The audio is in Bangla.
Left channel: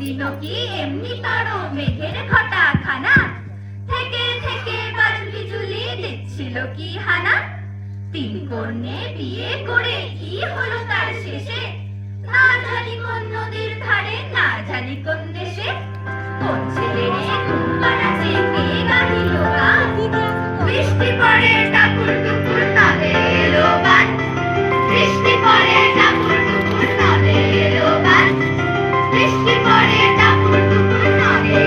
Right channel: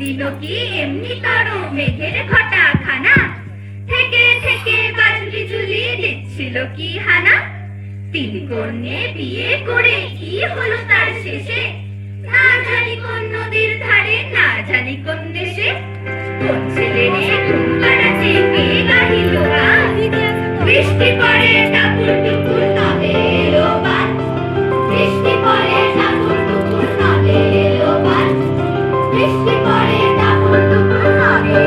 দিল কি এমনি তারো মেঘের ঘটা খানা, থেকে থেকে বাজলি ঝুলি দিচ্ছিল কি হানা। তিন কন্যে বিয়ে করে কি হলো তার শেষে, না জানি কোন নদীর ধারে, না জানি কোন দেশে। কোন ছেলে রে ঘুম পাড়াচ্ছে কে গাহিল গান, বৃষ্টি পড়ে টাপুর টুপুর নদে এলো বান, বৃষ্টি পড়ে টাপুর টুপুর নদে এলো বান, বৃষ্টি পড়ে টাপুর টুপুর নদে